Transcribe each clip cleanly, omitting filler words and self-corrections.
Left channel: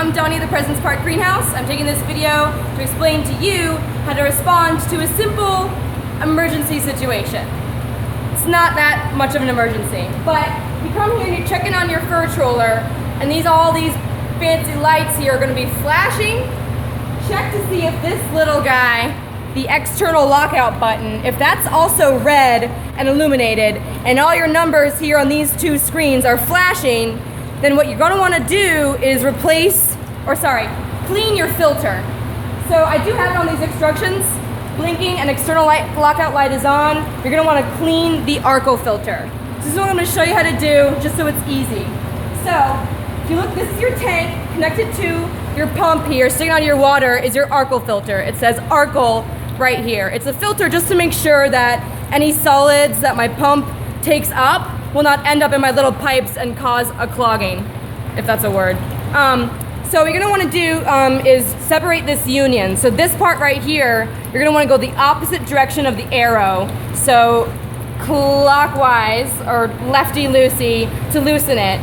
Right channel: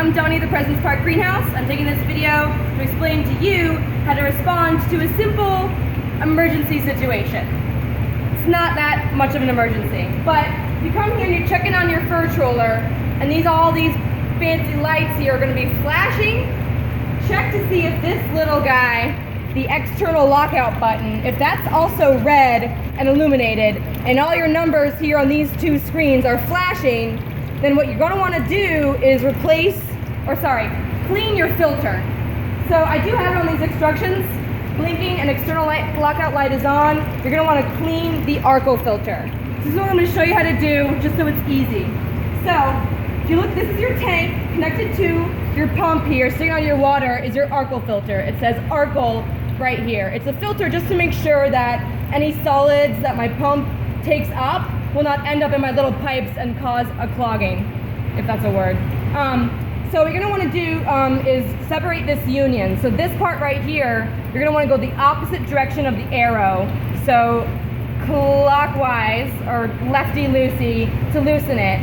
I'm Donnie of the President's Park Greenhouse. I'm taking this video to explain to you how to respond to a simple emergency situation. It's not that much of an emergency, but you come here and you're checking on your fur troller, and all these fancy lights here are going to be flashing. Check to see if this little guy, the external lockout button, if that's also red and illuminated, and all your numbers here on these two screens are flashing, then what you're going to want to do is clean your filter. So I do have it on these instructions. Blinking and external lockout light is on. You're going to want to clean the Arco filter. This is what I'm going to show you how to do, just so it's easy. So, if you look, this is your tank connected to your pump here. Sitting on your water is your Arco filter. It says Arco right here. It's a filter just to make sure that any solids that my pump takes up will not end up in my little pipes and cause a clogging, if that's a word. So what you're going to want to do is separate this union. So this part right here, you're going to want to go the opposite direction of the arrow. So clockwise or lefty-loosey to loosen it.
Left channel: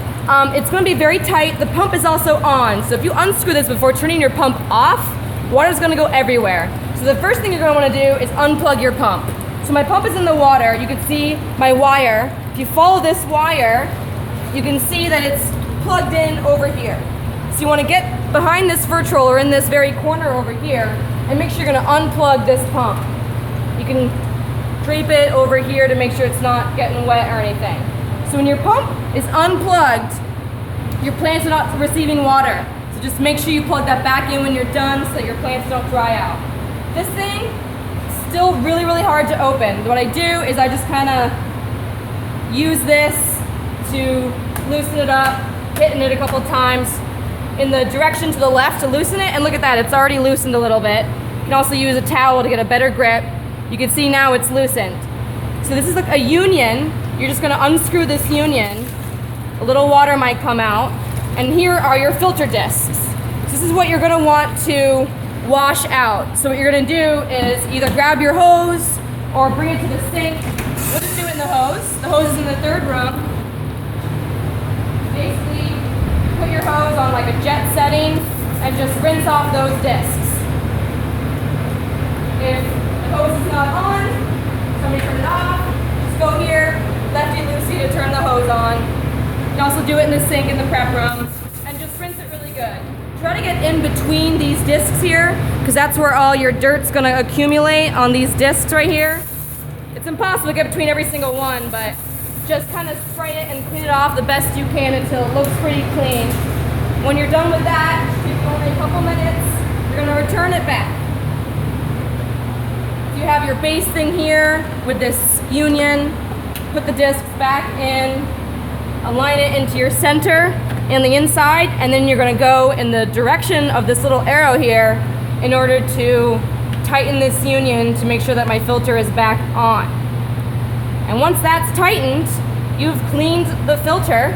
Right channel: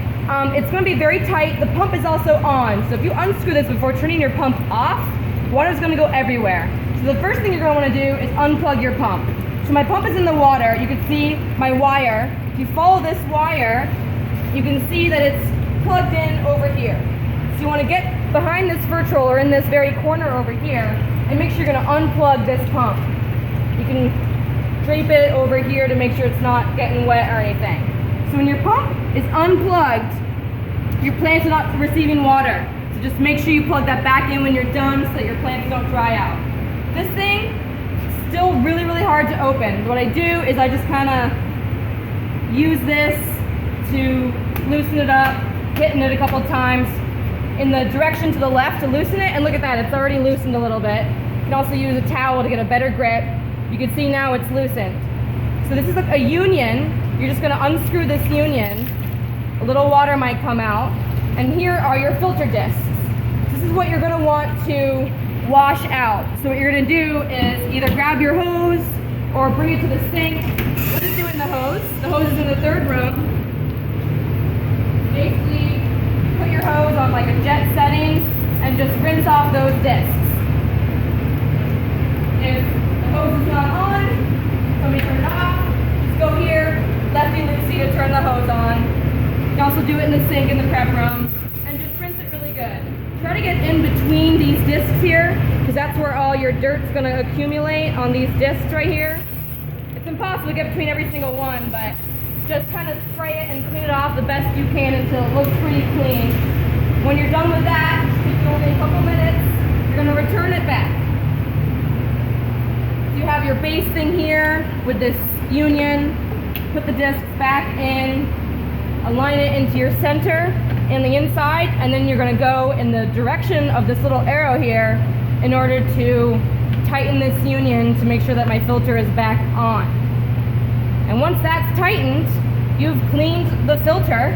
It's going to be very tight. The pump is also on. So if you unscrew this before turning your pump off, water's going to go everywhere. So the first thing you're going to want to do is unplug your pump. So my pump is in the water. You can see my wire. If you follow this wire, you can see that it's plugged in over here. So you want to get behind this fur troller in this very corner over here and make sure you're going to unplug this pump. You can drape it over here to make sure it's not getting wet or anything. So when your pump is unplugged, your plants are not receiving water. So just make sure you plug that back in when you're done so that your plants don't dry out. This thing is still really, really hard to open. What I do is I just kind of use this to loosen it up, hitting it a couple times in the direction to the left to loosen it, and look at that, it's already loosened a little bit. You can also use a towel to get a better grip. You can see now it's loosened. So this is like a union. You're just going to unscrew this union. A little water might come out, and here are your filter discs. This is what you're going to want to wash out. So what you're going to do is either grab your hose or bring it to the sink. We'll just do it in the hose. The hose is in the third row. Basically, put your hose on like a jet setting and just rinse off those discs. If the hose is not on, somebody turn it off. Just go here, lefty-loosey to turn the hose on. You can also do it in the sink in the prep room and just rinse it really good. Try to get in between these discs here because that's where all your dirt's going to accumulate on these discs right here. It's impossible to get between every single one, but just kind of spray it and clean it off the best you can until it looks pretty clean. When you're done with that, just keep it only a couple minutes. You're going to return it back. You have your base thing here with this union. Put the discs back in, align it into your center in the inside, and then you're going to go in the direction of this little arrow here in order to tighten this union to make sure that my filter is back on. And once that's tightened, you've cleaned the filter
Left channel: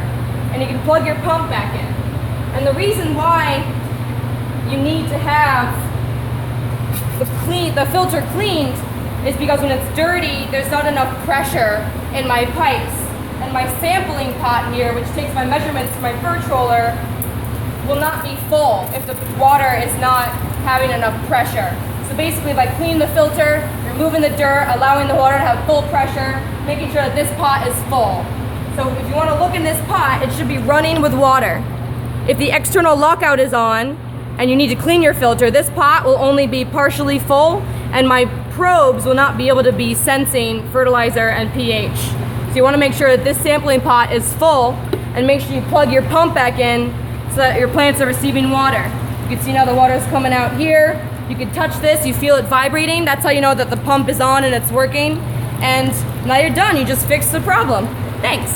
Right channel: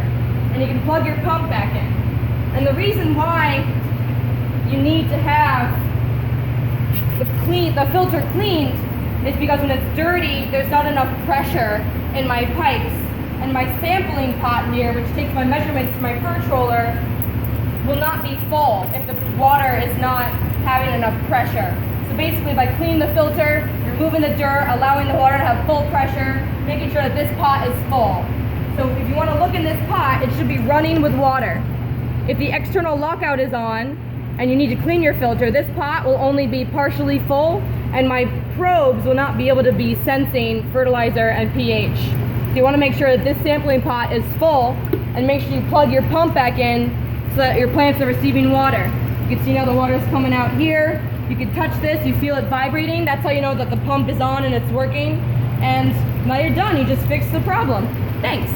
and you can plug your pump back in. And the reason why you need to have the filter cleaned is because when it's dirty, there's not enough pressure in my pipes. And my sampling pot here, which takes my measurements for my fur troller, will not be full if the water is not having enough pressure. So basically by cleaning the filter, removing the dirt, allowing the water to have full pressure, making sure that this pot is full. So if you want to look in this pot, it should be running with water. If the external lockout is on and you need to clean your filter, this pot will only be partially full and my probes will not be able to be sensing fertilizer and pH. So you want to make sure that this sampling pot is full and make sure you plug your pump back in so that your plants are receiving water. You can see now the water is coming out here. You can touch this, you feel it vibrating. That's how you know that the pump is on and it's working. And now you're done, you just fixed the problem. Thanks.